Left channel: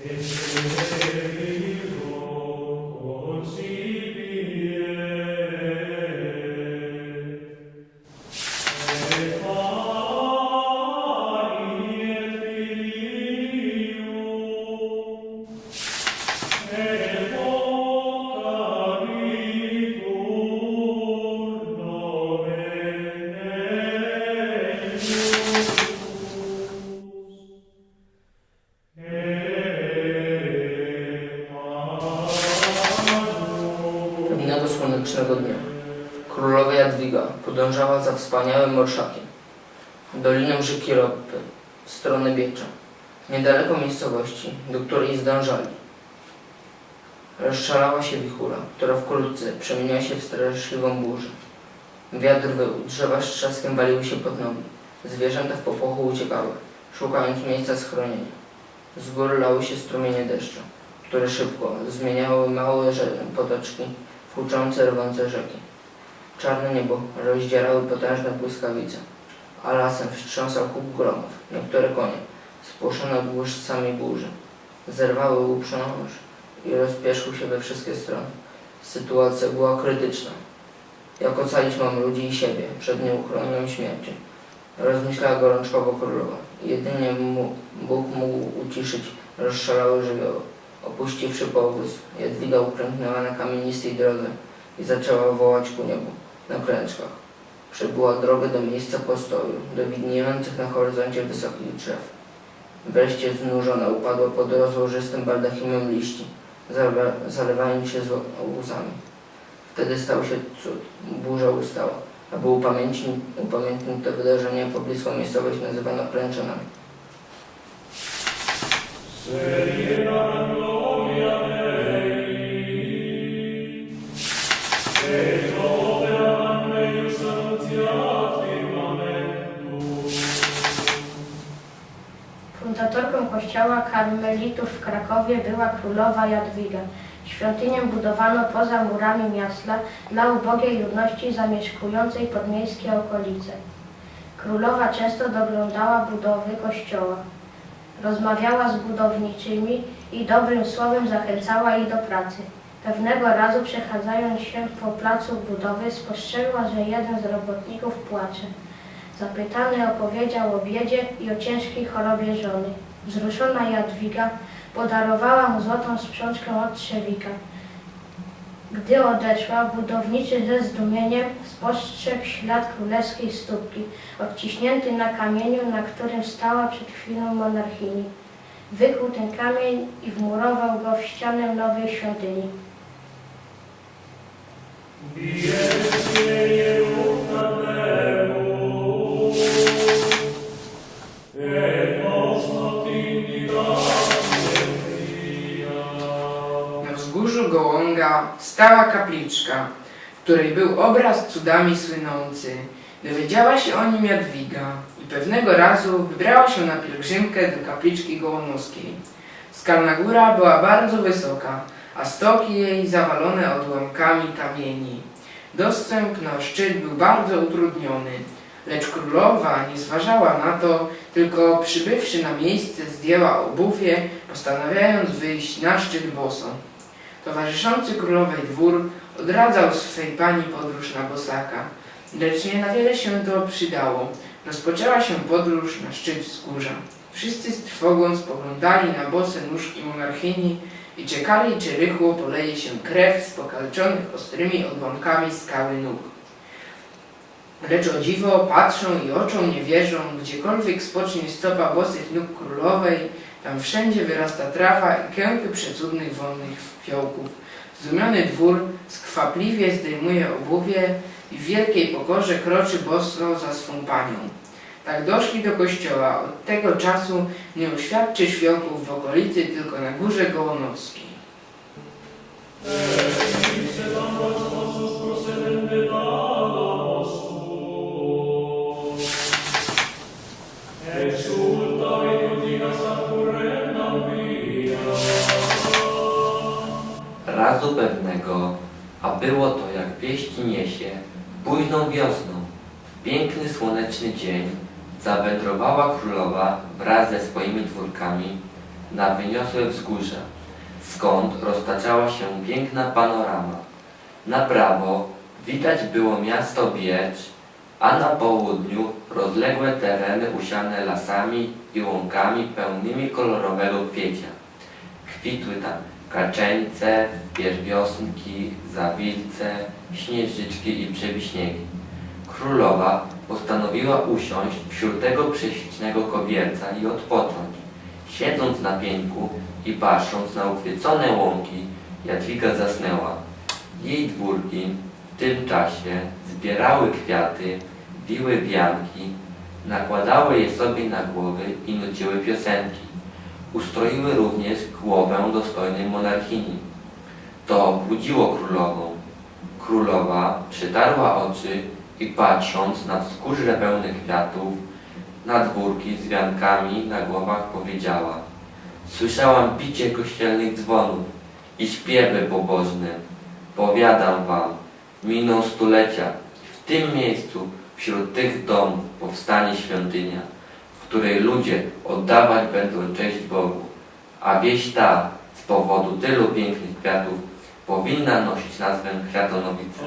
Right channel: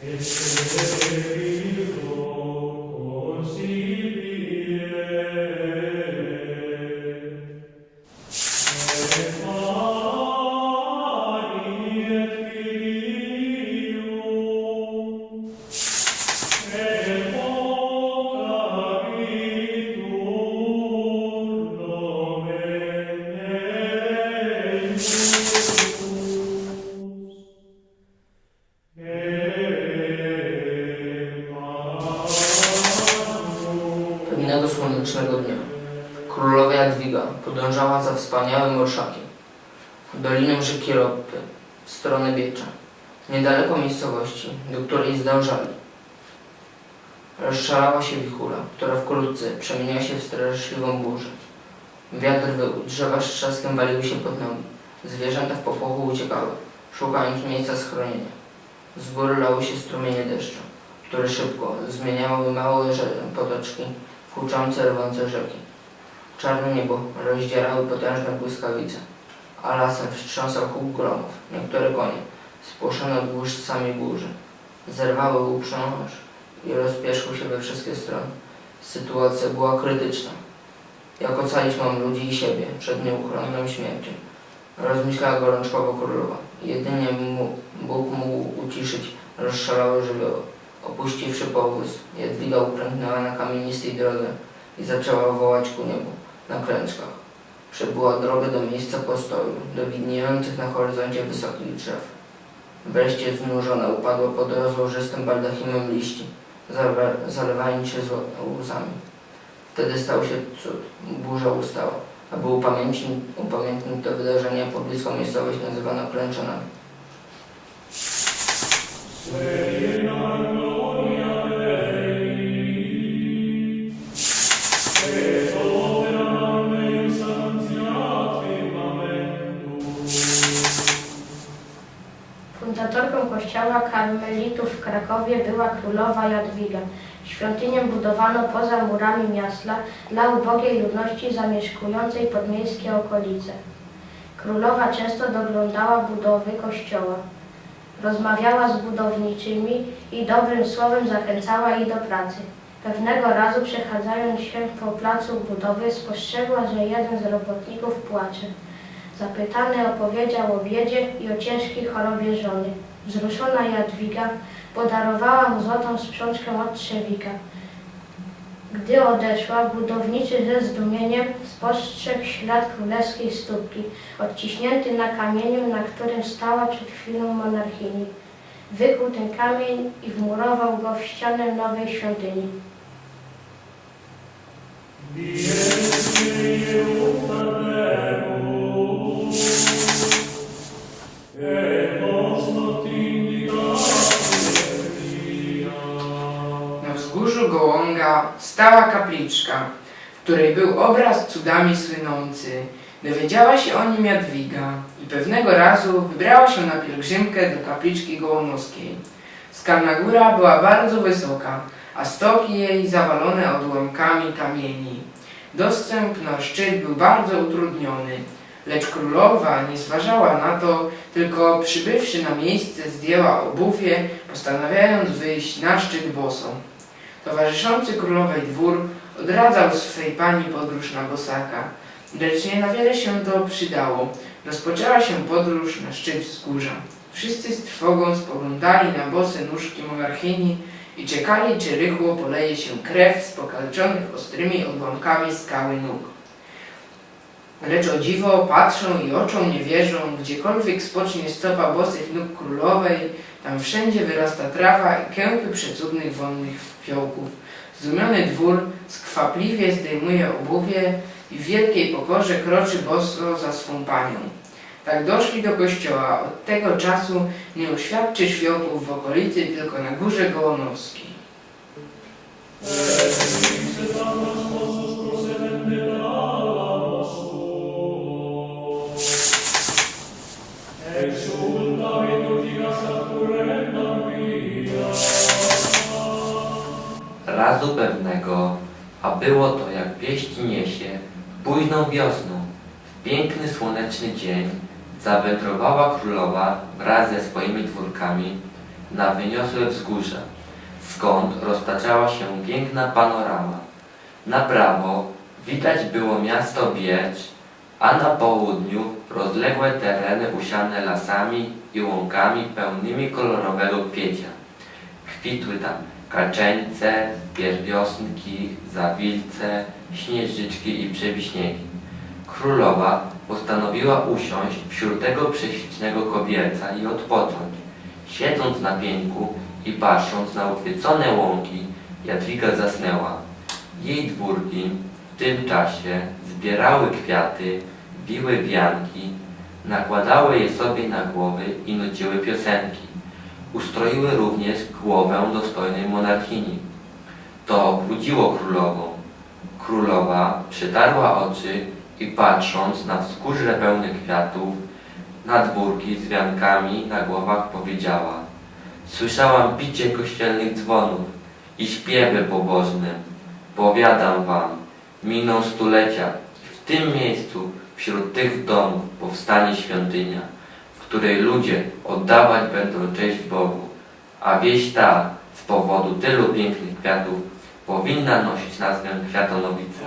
Pewnego dnia królowa Jadwiga podążała za wspaniałym orszakiem doliną rzeki Ropy w stronę Biecza, niedaleko miejscowości, do której zdążali. Rozszalała się wichura, która wkrótce przemieniła się w straszliwą burzę. Wiatr wył, drzewa z trzaskiem waliły się pod nogi, zwierzęta w popłochu uciekały, szukając miejsca schronienia. Z góry lały się strumienie deszczu, które szybko zmieniały małe potoczki huczące, rwące rzeki. Czarne niebo rozdzierały potężne błyskawice, a lasem wstrząsał huk gromów. Niektóre konie, spłoszone błyszcami burzy, zerwały uprząż i rozpierzchły się we wszystkie strony. Sytuacja była krytyczna. Jak ocalić mam ludzi i siebie przed nieuchronną śmiercią? Rozmyślała gorączkowo królowa. Jedynie Bóg mógł uciszyć rozszalałe żywioły. Opuściwszy powóz, Jadwiga upręgnęła na kamienistej drodze i zaczęła wołać ku niebu na klęczkach. Przebyła drogę do miejsca postoju, do widniejących na horyzoncie wysokich drzew. Wreszcie znużona upadła pod rozłożystym baldachimem liści, zalewa- zalewając się łzami. Wtedy stał się cud. Burza ustała. Aby upamiętnić, upamiętnić to wydarzenie, pobliską miejscowość nazywano klęczonami. Fundatorką kościoła karmelitów w Krakowie była królowa Jadwiga. Świątynię budowano poza murami miasta dla ubogiej ludności zamieszkującej podmiejskie okolice. Królowa często doglądała budowy kościoła. Rozmawiała z budowniczymi i dobrym słowem zachęcała ich do pracy. Pewnego razu przechadzając się po placu budowy spostrzegła, że jeden z robotników płacze. Zapytany opowiedział o biedzie i o ciężkiej chorobie żony. Wzruszona Jadwiga podarowała mu złotą sprzączkę od trzewika. Gdy odeszła, budowniczy ze zdumieniem spostrzegł ślad królewskiej stópki, odciśnięty na kamieniu, na którym stała przed chwilą monarchini. Wykuł ten kamień i wmurował go w ścianę nowej świątyni. Na wzgórzu Gołąga stała kapliczka, w której był obraz cudami słynący. Dowiedziała się o nim Jadwiga i pewnego razu wybrała się na pielgrzymkę do kapliczki gołomowskiej. Skalna góra była bardzo wysoka, a stoki jej zawalone odłamkami kamieni. Dostęp na szczyt był bardzo utrudniony, lecz królowa nie zważała na to, tylko przybywszy na miejsce zdjęła obuwie, postanawiając wyjść na szczyt bosą. Towarzyszący królowej dwór odradzał swej pani podróż na bosaka, lecz nie na wiele się to przydało. Rozpoczęła się podróż na szczyt wzgórza. Wszyscy z trwogą spoglądali na bose nóżki monarchini i czekali, czy rychło poleje się krew z pokalczonych ostrymi odłamkami skały nóg. Lecz o dziwo patrzą i oczom nie wierzą, gdziekolwiek spocznie stopa bosych nóg królowej, tam wszędzie wyrasta trawa i kępy przecudnych wonnych fiołków. Zdumiony dwór skwapliwie zdejmuje obuwie i w wielkiej pokorze kroczy boso za swą panią. Tak doszli do kościoła. Od tego czasu nie uświadczy świałków w okolicy, tylko na górze Gołonowskiej. Razu pewnego, a było to jak wieści niesie, późną wiosną, w piękny słoneczny dzień, zawędrowała królowa wraz ze swoimi dwórkami na wyniosłe wzgórza, skąd roztaczała się piękna panorama. Na prawo widać było miasto Biecz, a na południu rozległe tereny usiane lasami i łąkami pełnymi kolorowego kwiecia. Kwitły tam kaczeńce, pierwiosnki, zawilce, śnieżyczki i przewiśniegi. Królowa postanowiła usiąść wśród tego prześlicznego kobierca i odpocząć. Siedząc na pieńku i patrząc na ukwiecone łąki, Jadwiga zasnęła. Jej dwórki w tym czasie zbierały kwiaty, wiły wianki, nakładały je sobie na głowy i nuciły piosenki. Ustroiły również głowę dostojnej monarchini. To budziło królową. Królowa przytarła oczy i patrząc na wzgórze pełne kwiatów, na dwórki z wiankami na głowach powiedziała Słyszałam bicie kościelnych dzwonów i śpiewy pobożne. Powiadam wam, miną stulecia i w tym miejscu, wśród tych domów powstanie świątynia, w której ludzie oddawać będą cześć Bogu, a wieś ta z powodu tylu pięknych kwiatów powinna nosić nazwę Kwiatonowice.